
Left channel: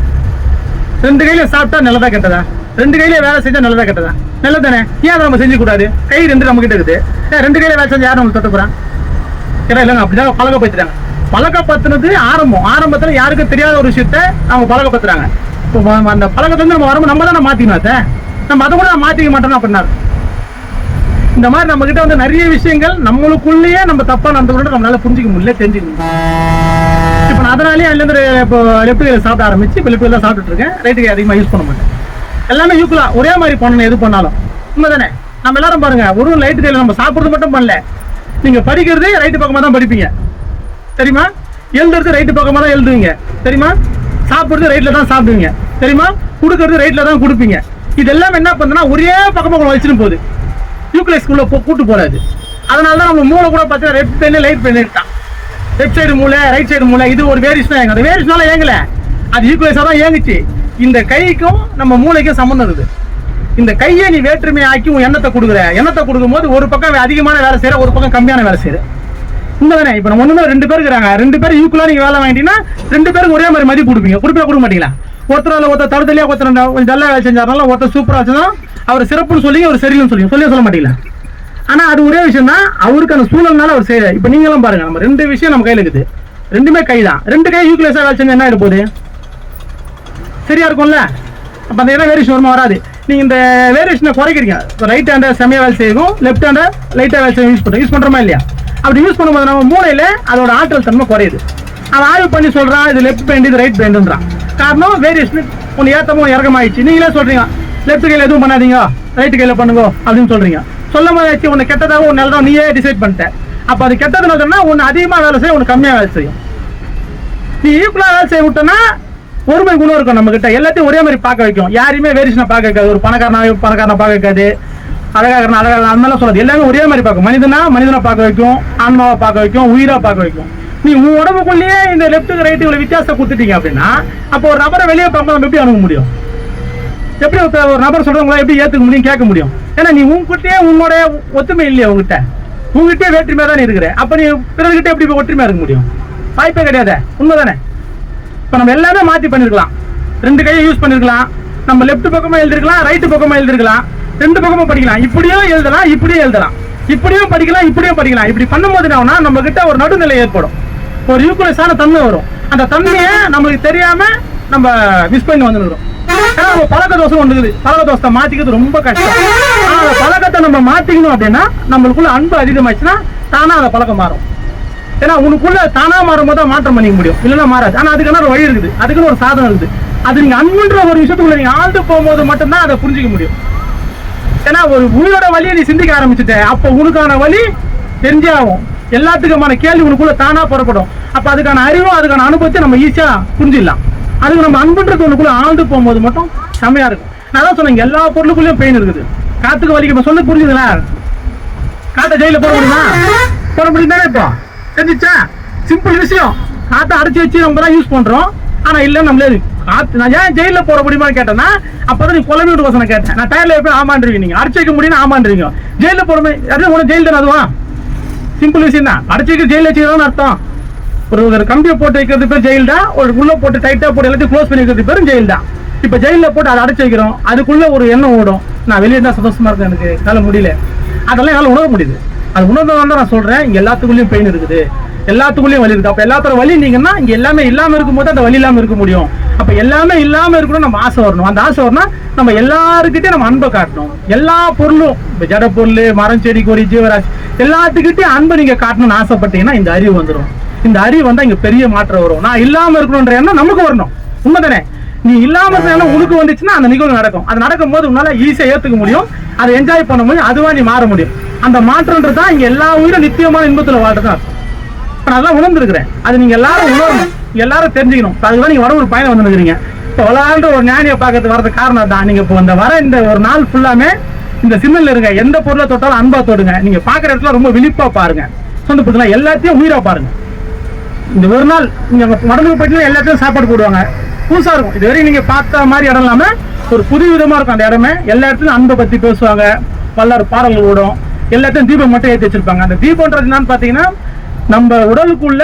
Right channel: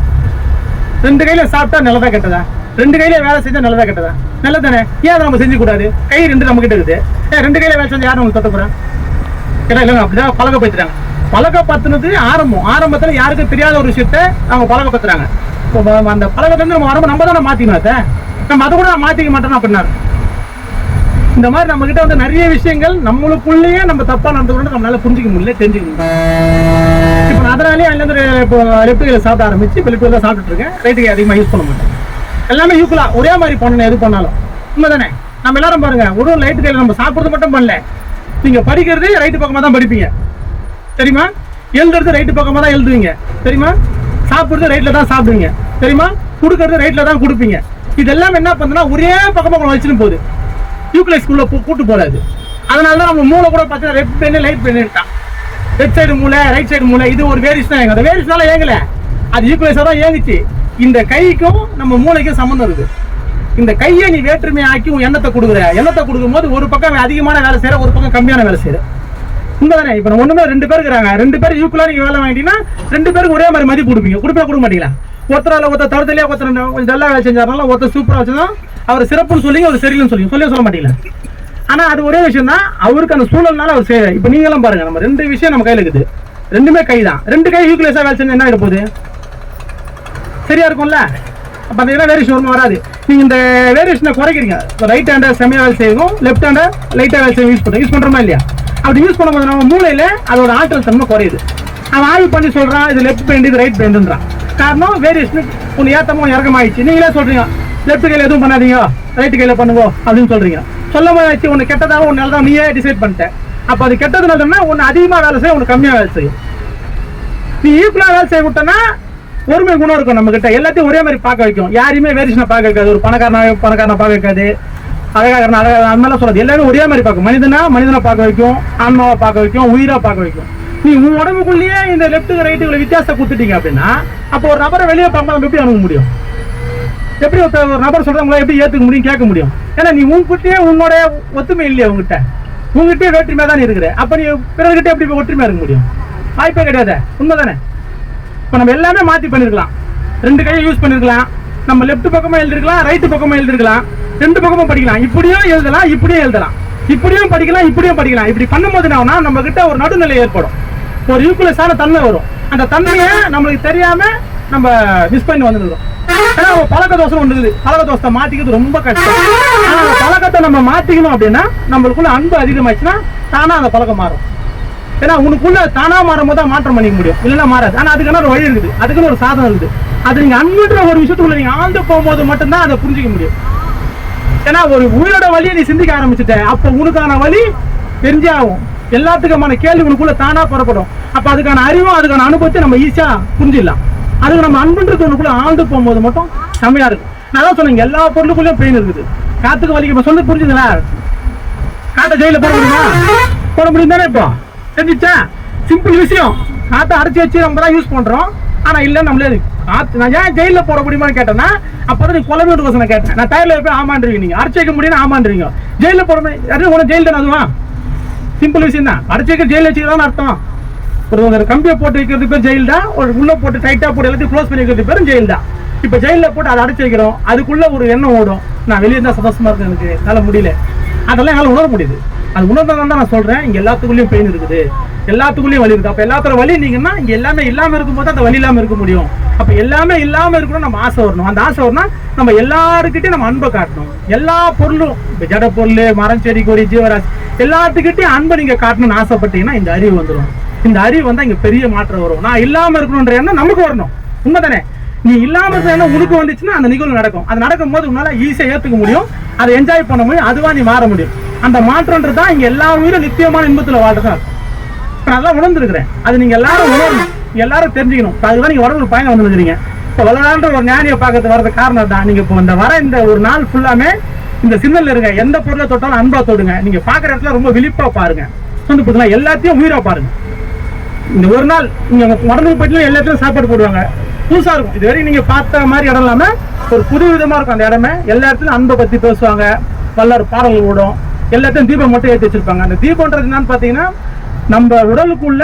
2 கையில சாப்பிட்டா நல்லதா கெட்டதா? 2 கையில வேலை செஞ்சா நல்லதா கெட்டதா? நல்லதானே? ஏன் அதை நம்ம செஞ்சு கூடாது? கை 2 நம்ம கிட்ட இருக்குது, ஏன் 2 கையில வேலை செஞ்சா யாரும் நம்ம தொட்ட போறான்? ஏன்னா இல்லைங்க, அப்படிதான் பழக்கப்படுத்துறாங்க. பழக்கப்படுத்துனது ஆரம்பத்துல யாருக்கும் தெரியாத ஒரு விஷயத்த அவங்க பழக்கப்படுத்துறாங்க. இப்போ அந்த பழக்கத்துல நம்ம வரும்போது நம்ம தானே மாத்தினோம், நம்ம அதை கூட மாத்திக்க மாட்டோம் அப்படின்னா. இந்த மாதிரி நம்ம கிட்ட வந்து நிறைய விஷயங்கள் நம்மளுக்குள்ளேயே நம்ம தப்பா நடந்துக்கணும், நம்மளால புரிஞ்சிக்க முடியல, தெரிஞ்சுக்க முடியல. இப்போ நான் அதனாலேயே அதுலேருந்து இப்போ லெஃப்ட் கையில சாப்பிட ஆரம்பிச்சு இப்போ லெஃப்ட் கையில சாப்பிட்டு இருக்கேன். ரைட்டு கை அதிகமாக யூஸ் பண்ண மாட்டேன். எல்லாமே ஈக்குவலா ஒரே மாதிரி பண்ணணும் எது பண்ணாலும். உண்மைதானே? நம்ம எல்லாரும் பாருங்க, ஒரு ரைட்டு கையில நம்ம சாப்பிட்றது மட்டும் பண்ணல, நீங்க படிக்கிறது ரைட்டு பக்கமா தான் படிப்பீங்க தெரியுமா? எழுதுறது ரைட்டு பக்கமா தான் எழுதுவீங்க தெரியுமா? சாப்பிடுறது ரைட்ல தான் சாப்பிடுவீங்க தெரியுமா? கொடுக்கறது ரைட்ல தான் கொடுப்பீங்க. இதெல்லாம் என்ன பண்ணுன்னா ஒரே பக்கமா வச்சுன்னு போகுது, யூக்ளைஸ் ஸ்கூல்ல கூட்டு போறாது. அதனாலதான் நம்ம மூளை கூட பார்த்தீங்கன்னா ரெட் பெண்ணு லைட் பெண்ணு இருக்கான். லெஃப்ட் சைடு மூளை ரைட் சைடு மூளை, இது ஒரு வேரியேஷன் தான். அந்த வேரியேஷனால ஏங்கல, அது ஈக்குவலைஸா தான் ஏங்குச்சு. இந்த கைக்கும் நம்ம மூளைக்கும் சம்பந்தம் இருக்கு. இந்த கையை நீ வேற்றுமை ஆக்கி உன் எண்ணத்தை கொடுக்குற, எண்ணத்தை கொடுக்கும் போது ஒரு பக்கம் அதிகமான வேலை செய்யற, ஒரு பக்கம் கம்மியான வேலை செய்யற. உண்மைதானே? இப்ப நம்ம 2 பேர் இருக்கிறாங்க, 2 பேரும் ஈக்குவலா நீங்க வேலை வாங்கிட்டீங்கன்னா 2 பேருக்கு ஒரே மாதிரி மதிப்பு கொடுப்பீங்க. கொடுக்க மாட்டீங்களா? ஒருத்தர் தடுத்தலையா, ஒருத்தர் கொஞ்சம் நல்லா வேலை செஞ்சாருனால, ஒருத்தர் சூப்பரா வச்சுன்னா அவர் சிறப்புன்னு சொல்லி அவர் சரின்னு சொல்ல மாட்டீங்களா? ஆனா அது ஒரே விஷயம் தான், அவருக்கு அந்த சூழல்னால அவர் செய்ய. இப்ப நீங்க எல்லாம் பாருங்க, நம்ம 2 விஷயம் நம்ம கையில இருக்குது, 2மே கை தான். 2 கை ஈக்குவலைஸா வேலை செஞ்சா என்ன ஆயிட போகுது? சரியா இருக்கும்ல? அப்ப அந்த வேரியேஷன் வருமா? வராது. நீங்க இந்த வேரியேஷனை குறைக்கிறீங்க. ரைட் ஹேண்டை செமையா வேலை செய்யும், லெஃப்ட் ஹேண்டை லைட்டா வேலை செய்ய யூஸ் பண்றோமா இல்லையா? அப்படி யூஸ் பண்ணும்போது நம்ம மூளையில அதோட ஆற்றல் தன்மை குறையுது. அவன் ஆய்வு பண்ணி சொல்றான், இது லெஃப்ட் பெயிண்ட், இது ரைட் பெயிண்ட்ன்றான். காரணம் வேரியேஷன் ஒன்று ஏத்தமோ இறக்கமாயிடுச்சு. நீங்களே சொல்றீங்க லெஃப்ட் கையில எதுவும் பண்ணாதீங்க, ரைட்டு கையில் பண்ணுங்க அப்படின்னு சொல்றீங்க. சொல்ல போது உன்னை கெட்டதாக உன் நல்லதான் நீயே டிசைட் பண்ணிட்ட. அப்போ அது கெட்டது நல்லதுன்னா ஒன்று அதிகமாக வேலை செய்யும், ஒன்று கம்மியாக வேலை செய்யும். நீ ஈக்குவலாக வேலை செய்ய விட்டனா ஒருமை குணம் இருக்கும் நம்ம கிட்ட. எல்லாத்தையும் ஒரே மாதிரி பார்க்க வைக்கும். யாரையுமே வேரியேஷனை பார்க்க வைக்காது. ஒரு பணக்காரனை பார்க்க வைக்காது, அழகாக அந்த மாதிரிலாம் சொல்லாது. எல்லாமே ஒரே மாதிரி பார்க்கும். மனிதனை பார்க்க வைக்கும், ஆன்மாவை பார்க்க வைக்கும், உயிரா பார்க்க வைக்கும். நீ உன் உடம்புக்குள்ளேயே இந்த லெப்ட்டுக்கு ரைட்டு இவ்வளவு வித்தியாசம் கொடுத்துட்டீங்க அப்படின்னா அப்போ ஒரு நபரை வெளியே பார்க்க நம்ம எப்படி அணுக முடியும்? எப்படி ஒரு நபர் சொல்றவங்களா எப்படி ஏத்துக்க முடியும், கேட்க முடியும்? ஏன்னா நீ உங்ககிட்டயே உன்னோட ஒத்துமை இல்லையா, உங்ககிட்டயே வேற்றுமையா தான் இருக்கிற. அப்ப நீ பிறர்கிட்ட எப்படி ஒற்றுமையா இருக்க முடியும்? வாய்ப்பே கிடையாது. உண்மைதானே? இப்ப நம்ம எல்லாமே மாத்தி பண்ணிருக்கலாம். 2 கையை யூஸ் பண்ணிருக்கலாம். நம்ம லெப்ட் பக்கமா எழுதிருக்கலாம், ரைட்டு பக்கமா எழுதிருக்கலாம். 2 பக்கமும் படிக்கலாம். இப்படியும் எழுதலாம், இப்படியும் எழுதலாம். இப்படியும் படிக்கலாம், இப்படியும் படிக்கலாம். இப்படி பண்ணும்போது நம்ம கிட்ட ஒரு நடுநிலை ஏற்படும், ஒரு ஈக்குவலைஸான தன்மை வரும். அந்த தன்மையை நமக்கு தெரியாம நம்ம மிஸ் பண்ணி வந்துருக்கோம். ஏன்னா பழக்க தோஷம் ஒன்று இருக்குது. பழக்க தோஷத்தை மாத்திக்கிறது ரொம்ப கஷ்டம். ஆனா அந்த பழக்கத்தை நம்ம மாத்திக்கணும் அப்படின்னா நம்மளுக்குள்ள அன்பு அதிகமாச்சுன்னா தானா அந்த பழக்கம் மாறும். ஏன்னா உனக்குள்ள தானா மாறும் போது மாற்றம் பண்ணிக்க முடியும், இல்லைன்னா மாறாது. ஆனா அதுக்கான ஒரு வழி இருக்குது, அதுக்குன்னு ஒரு சாதனம் இருக்குது. அது நீங்க அன்புன்ற ஒரு விஷயத்துக்குள்ள நீங்க ஆழ்ந்து போகும்போது மட்டும்தான் அதை புரிஞ்சிக்க முடியும். ஏன்னா ஒரு உயிரோட வழியை நீ சிந்திக்க ஆரம்பிச்சுட்ட, அப்போ உனக்கான வழி தெரிஞ்சே ஆகும். எல்லாத்துக்குமான கேள்வி உனக்குள்ள தானா புறப்படும். அப்ப அதுக்கான அறிவும் அதுக்கான அனுபவத்தை நம்ம ஈஸியா புரிஞ்சிடலாம். அதுக்கு நம்ம அன்புன்றது உனக்குள்ள ஆழ்ந்து போகும்போது மட்டும் செம்மையா இருக்கும். நான் தான் சொன்னேன், எல்லா பொருளுக்குள்ளேயும் பெயின் இருக்குது. காத்துக்கு வலிக்க சொல்லி புரிஞ்சுதுங்களா? காத்த ஜெயில போட முடியுமா? போட முடியும் தானே? இப்போ தெரிஞ்சிச்சா? சிம்பிள் விஷயம். காத்த அடைச்சி வச்சு நம்ம தான் யூஸ் பண்றோம். ஆனா இல்ல நம்மளே காத்து நான் ஏன் ஜெயில போட முடியுமான்னு கேட்டேன்னா அப்பதான் நீ குழம்பு விட்டு கோசம் கேட்டேன். நான் டயர்ல போய் ஆமான்றீங்க, நீங்க அடைச்சி வைக்க முடியும் ஆமான்றீங்க. ஜெயில போட முடியும் ஜெயில் தானே? அதுவா சிம்பிள் விஷயம் தான். அடைச்சி வைக்க ஜெயில வச்சுதான் அர்த்தம். ஒரு கம்பியை போட்டு வைக்கிறது பேர் ஜெயில் தான். ஒரு உள்ள போட்டு டைட்டா போட்டு எல்லாத்தையும் க்ளோஸ் பண்ணி வைக்கிறது பேரும் ஜெயில் தான். இப்ப ஜெயில போட்டு அதை அடைச்சி வைக்கிறோம். அதுக்குள்ள ஒரு எண்ணம் ஓடும், நான் வெளியே தான் சந்தோஷமா இருக்கேன், எனக்கு என்னால முடியல. அதெல்லாம் என்னால உணர முடியுது. அது உணர்ந்ததான் தான் நான் சொல்றேன். இங்க எல்லாத்துக்குள்ளயும் பெயின் இருக்குது, எல்லாத்துக்குள்ளயும் வலி இருக்கு. அப்ப எல்லாத்தோட வலி நீங்கன்னா இங்க எல்லாமே இல்லாம இருக்கும்போது அந்த வலி இல்லாம இருக்க முடியும். அப்ப எல்லாமே இல்லாம இருக்கணும், நம்ம ஆசை வரணும். அந்த ஆசை வரணும் நம்ம எல்லாருக்கிட்டையும் நம்ம அன்பை காட்டணும். எல்லா பொருளும் இப்ப ஜட பொருள், மரம், செடி, கொடி, ஜீவராசி எல்லாத்துக்கிட்டையும் அன்பை நீங்க காட்டணும்னு ஆசைப்பட்டீங்கன்னா இந்த அறிவு வந்துடும். இந்த அறிவு வந்தா இங்க பெரிய மாற்றம் வரும். நான் இல்லாம இருக்கணும்ன்ற எண்ணம் நமக்கு வரணும். உண்மைதானே? நீ இல்லாம இருக்கிற எண்ணம் உனக்கு வந்துச்சுன்னா அந்த நிகழ்வு நடக்கும். அது நடக்கும் போது உன்னால ஈஸியா ஏத்துக்க முடியும், அதை என்ஜாய் பண்ண முடியும், அதுவா நீ மாற முடியும். அந்த மாற்றம்ன்றதுதான் இங்க எல்லா உயிரும் நித்தியமான இன்பத்துல வாழ்றதா இருக்கும். நான் அதான் உணர்ந்துருக்கிறேன். அது நீங்க எல்லாரும் உணரணும், எல்லாரும் தெரிஞ்சுக்கணும். அதுதான் நீங்க வர ஒரு பயணம் வந்துருக்கீங்க. இப்ப வளர்ந்த ஒரு ஞானியை பார்க்கறது வரது காரணம் தான். நீங்க இப்போ இந்த வர இந்த ஒரு நாள் ஃபுல்லாமே இந்த சிக்னல் இருங்க. எந்த பொருளை தொட்டாலும் அன்பா தொடுங்க. நீங்க பாக்குற இடத்துல ரொம்ப விழிப்பா பாருங்க. சொந்த புதுனா எல்லாத்தையும் உயிரா பாருங்க. இந்த ஒரு நாள் நீங்க உடம்புக்கு போயிட்டு எல்லாத்தையும் சாப்பாடு போடுவாங்க, புதுசா இருக்கும். இதுவரை நீங்க பார்த்த மாதிரி இடம் இல்லாம ஒரு புது விதமா இருக்கும் அந்த இடமே. எல்லா இடத்துலயும் அன்பை பத்தி பேசுவாங்க, பல்லாறு பாடல்கள் ஓடும். எல்லாத்தையும் தீபம் மட்டும் ஏற்றி வச்சிருப்பாங்க. அந்த தீபம்ன்றது என்னன்னு பாத்தீங்கன்னா நம்ம உடலுக்குள்ள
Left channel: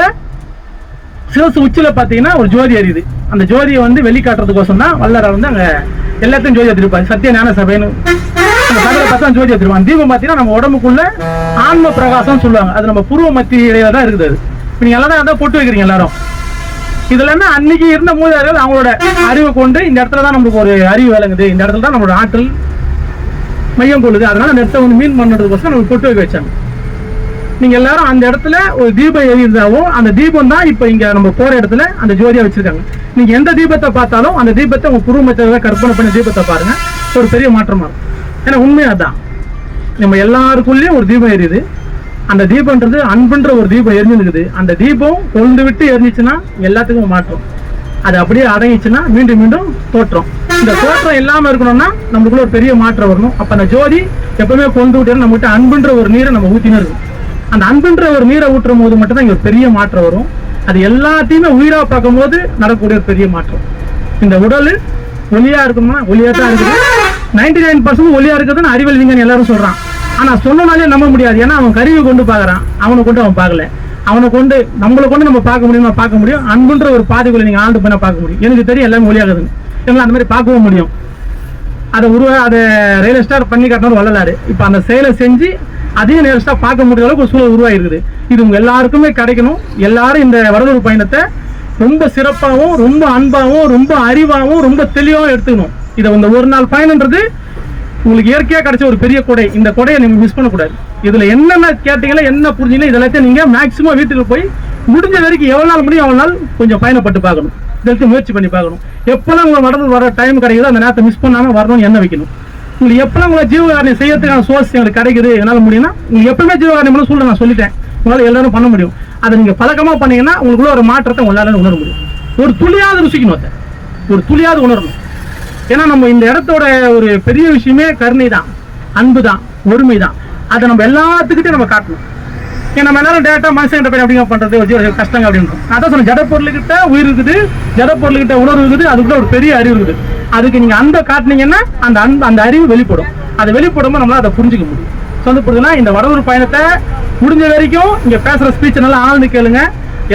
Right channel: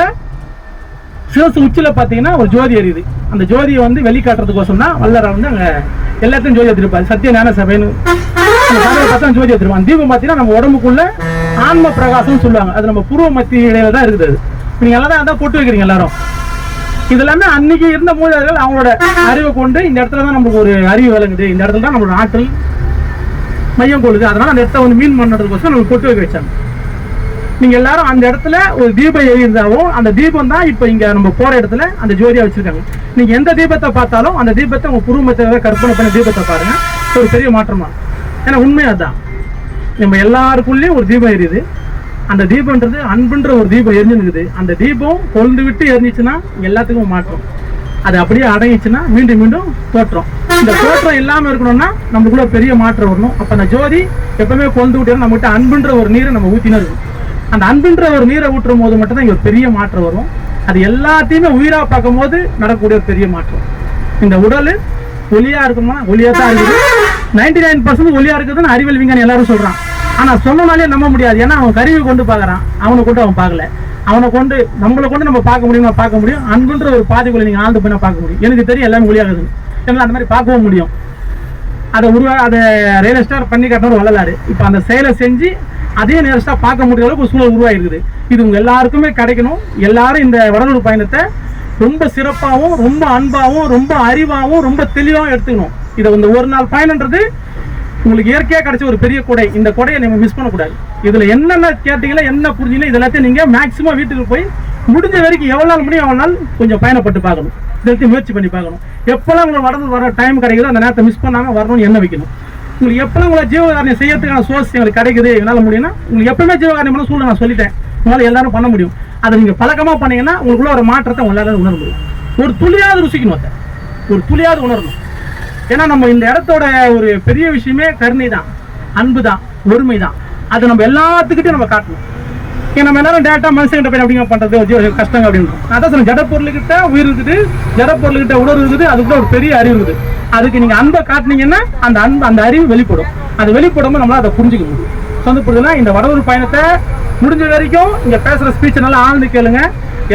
சிவசு உச்சில பாத்தீங்கன்னா ஒரு ஜோதி எரியுது. அந்த ஜோதியை வெளிக்காட்டுறதுக்கோசம் தான் வல்லார அங்க எல்லாத்தையும் ஜோதி ஏற்றிருப்பாங்க. சத்திய ஞான சபைன்னு அந்த சபையில பார்த்தா ஜோதி ஏற்றிருப்பாங்க. தீபம் பாத்தீங்கன்னா நம்ம உடம்புக்குள்ள ஆன்ம பிரகாசம் சொல்லுவாங்க. அது நம்ம புருவ மத்தியில தான் இருக்குது. நீங்க எல்லாரும் அதான் போட்டு வைக்கிறீங்க எல்லாரும். இது எல்லாமே அன்னைக்கு இருந்த மூதாதையர்கள் அவங்களோட அறிவை கொண்டு இந்த இடத்துல தான் நமக்கு ஒரு அறிவு விளங்குது, இந்த இடத்துல தான் நம்மளோட ஆற்றல் மையம் கொள்ளுது. அதனால அந்த இடத்த மீன் பண்ணுறதுக்கோசம் நம்ம போட்டு வைக்க வச்சாங்க. நீங்க எல்லாரும் அந்த இடத்துல ஒரு தீபம் எரிந்தாலும் அந்த தீபம் தான் இப்ப இங்க நம்ம போற இடத்துல அந்த ஜோதியா வச்சிருக்காங்க. நீங்க எந்த தீபத்தை பார்த்தாலும் அந்த தீபத்தை உங்க குடும்பத்தை கற்பனை பண்ண தீபத்தை பாருங்க, ஒரு பெரிய மாற்றமா இருக்கும். ஏன்னா உண்மையா தான் நம்ம எல்லாருக்குள்ளேயும் ஒரு தீபம் எரியுது. அந்த தீபம்ன்றது அன்புன்ற ஒரு தீபம் எரிஞ்சுருக்குது. அந்த தீபம் கொழுந்து விட்டு எரிஞ்சிச்சுன்னா எல்லாத்துக்கும் மாற்றம். அது அப்படியே அடங்கிச்சுன்னா மீண்டும் மீண்டும் தோற்றம். இந்த தோற்றம் இல்லாம இருக்கணும்னா நமக்குள்ள ஒரு பெரிய மாற்றம் வரணும். அப்ப அந்த ஜோதி எப்பவுமே கொண்டு விட்டு நம்மகிட்ட அன்புன்ற ஒரு நீரை நம்ம ஊத்தினே இருக்கும். அந்த அன்புன்ற ஒரு நீரை ஊற்றும் போது மட்டும்தான் இங்க ஒரு பெரிய மாற்றம் வரும். அது எல்லாத்தையுமே உயிரா பார்க்கும் போது நடக்கக்கூடிய ஒரு பெரிய மாற்றம். இந்த உடல் ஒளியா இருக்குமா? ஒளியா தான் இருக்குது. 99% ஒளியா இருக்குதுன்னு அறிவியல் விஞ்ஞானி எல்லாரும் சொல்றான். ஆனா சொன்னனாலே நம்ப முடியாது. ஏன்னா அவன் கருவி கொண்டு பாக்குறான், அவனை கொண்டு அவன் பார்க்கல. அவனை கொண்டு நம்மளை கொண்டு நம்ம பார்க்க முடியுமா? பார்க்க முடியும். அன்புன்ற ஒரு பாதைக்குள்ள நீங்க ஆழ்ந்து பண்ண பார்க்க முடியும். எனக்கு தெரியும் எல்லாமே ஒளியாகுது, எங்களை அந்த மாதிரி பார்க்கவும் முடியும். அதை அதை ரியலிஸ்டா பண்ணி காட்டணும் வள்ளலாரு. இப்ப அந்த செயலை செஞ்சு அதையும் ரியலிஸ்டா பார்க்க முடியாத அளவுக்கு ஒரு சூழல் உருவாயிருக்குது. இது உங்க எல்லாருக்குமே கிடைக்கணும். எல்லாரும் இந்த வடலூர் பயணத்தை ரொம்ப சிறப்பாகவும், ரொம்ப அன்பாகவும், ரொம்ப அறிவாகவும், ரொம்ப தெளிவாகவும் எடுத்துக்கணும். இதை இந்த ஒரு நாள் பயணம்ன்றது உங்களுக்கு இயற்கையா கிடைச்ச ஒரு பெரிய கொடை. இந்த கொடையை நீங்க மிஸ் பண்ணக்கூடாது. இதுல என்னென்ன கேட்டீங்களோ, என்ன புரிஞ்சீங்களோ, இது எல்லாத்தையும் நீங்க மேக்சிமம் வீட்டுக்கு போய் முடிஞ்ச வரைக்கும் எவ்வளவு நாள் முடியும் அவ்வளவு நாள் கொஞ்சம் பயணப்பட்டு பார்க்கணும். இதற்கு முயற்சி பண்ணி பார்க்கணும். எப்பெல்லாம் உங்களுக்கு நடந்து வர டைம் கிடைக்குதோ அந்த நேரத்தை மிஸ் பண்ணாம வரணும்னு எண்ணெய் வைக்கணும். உங்களுக்கு எப்பெல்லாம் உங்களை ஜீவகாரணியம் செய்யறதுக்கான சோர்ஸ் எங்களுக்கு கிடைக்குது என்னால் முடியும்னா உங்களுக்கு எப்பவுமே ஜீவகாரணியம் பண்ண சொல்லுங்க, நான் சொல்லிட்டேன். உங்களால் எல்லாரும் பண்ண முடியும். அதை நீங்கள் பழக்கமாக பண்ணீங்கன்னா உங்களுக்குள்ள ஒரு மாற்றத்தை உங்களால் உணர முடியும். ஒரு துளியாவது ருசிக்கணும், அதை ஒரு துளியாவது உணரணும். ஏன்னா நம்ம இந்த இடத்தோட ஒரு பெரிய விஷயமே கருணை தான், அன்பு தான், ஒருமை தான். அதை நம்ம எல்லாத்துக்கிட்டையும் நம்ம காட்டணும். ஏன்னா நம்ம எல்லாரும் டேட்டா மனுஷங்கிட்ட போய் அப்படிங்க பண்றது ஒரு கஷ்டங்க அப்படின்னு. அதான் சொல்லுங்க, ஜட பொருள்கிட்ட உயிர் இருக்குது, ஜட பொருள்கிட்ட உணர்வு இருக்குது, அதுக்குள்ள ஒரு பெரிய அறிவு இருக்குது. அதுக்கு நீங்க அன்பை காட்டினீங்கன்னா அந்த அன்பு, அந்த அறிவு வெளிப்படும். அதை வெளிப்படும் நம்மளால அதை புரிஞ்சுக்க முடியும். சொந்தப்படுதுன்னா இந்த வடலூர் பயணத்தை முடிஞ்ச வரைக்கும் இங்க பேசுற ஸ்பீச் நல்லா ஆழ்ந்து கேளுங்க.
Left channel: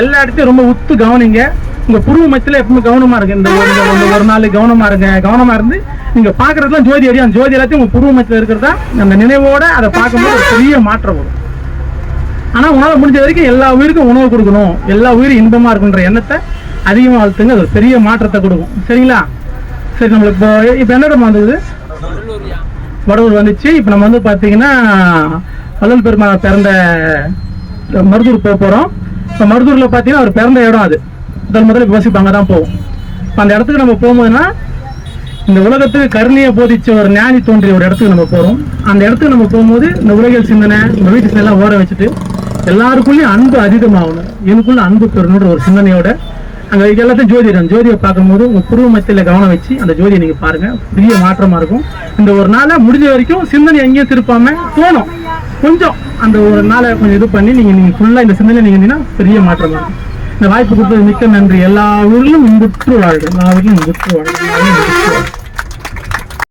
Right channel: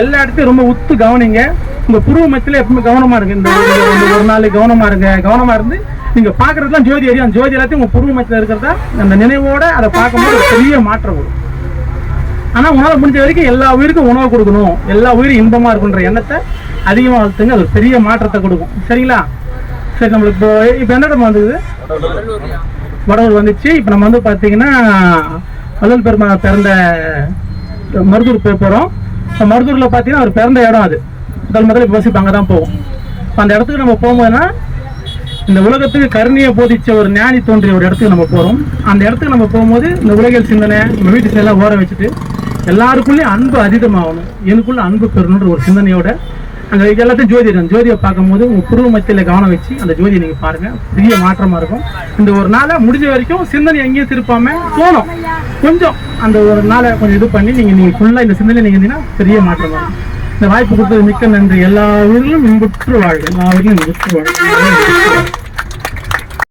எல்லா இடத்தையும் ரொம்ப உத்து கவனிங்க. உங்க புருவ மத்தியில எப்பவுமே கவனமா இருக்கு. இந்த ஒரு நாள் கவனமா இருங்க. கவனமா இருந்து நீங்க பாக்குறதுலாம் ஜோதி அறியும். அந்த ஜோதி எல்லாத்தையும் உங்க புருவ மத்தியில இருக்கிறதா நம்ம நினைவோட அதை பார்க்கும்போது ஒரு பெரிய மாற்றம் வரும். ஆனா உங்களால முடிஞ்ச வரைக்கும் எல்லா உயிருக்கும் உணவு கொடுக்கணும், எல்லா உயிரும் இன்பமா இருக்குன்ற எண்ணத்தை அதிகமா வளர்த்துங்க. அது ஒரு பெரிய மாற்றத்தை கொடுக்கும். சரிங்களா? சரி, நம்மளுக்கு இப்போ என்ன இடம் வந்தது? வடலூர் வந்துச்சு. இப்போ நம்ம வந்து பார்த்தீங்கன்னா வள்ளல் பெருமாள் பிறந்த மருதூர் போக போகிறோம். இப்போ மருதூரில் பார்த்தீங்கன்னா அவர் பிறந்த இடம் அது முதல்ல யோசிப்பாங்க தான் போவோம். அந்த இடத்துக்கு நம்ம போகும்போதுன்னா இந்த உலகத்துக்கு கருணையை போதிச்ச ஒரு ஞானி தோன்றிய ஒரு இடத்துக்கு நம்ம போகிறோம். அந்த இடத்துக்கு நம்ம போகும்போது இந்த உலகியல் சிந்தனை நம்ம வீட்டு எல்லாம் ஓர வச்சுட்டு எல்லாருக்குள்ளேயும் அன்பு அதிகமாகணும், எனக்குள்ள அன்பு பெறணுன்ற ஒரு சிந்தனையோட அங்கே எல்லாத்தையும் ஜோதியை பார்க்கும்போது உங்கள் புருவ மத்தியில் கவனம் வச்சு அந்த ஜோதியை நீங்கள் பாருங்கள். பெரிய மாற்றமாக இருக்கும். இந்த ஒரு நாளை முடிஞ்ச வரைக்கும் சிந்தனை எங்கேயும் திருப்பாம போனோம், கொஞ்சம் அந்த ஒரு நாளை கொஞ்சம் இது பண்ணி நீங்கள் ஃபுல்லாக இந்த சிந்தனை நீங்கள் இருந்தீங்கன்னா பெரிய மாற்றமாக இருக்கும். இந்த வாய்ப்பு கொடுத்தது மிக்க நன்றி. எல்லா ஊரிலும் இன்புற்று வாழ்க, எல்லா ஊரிலும் இன்புற்று வாழ்க.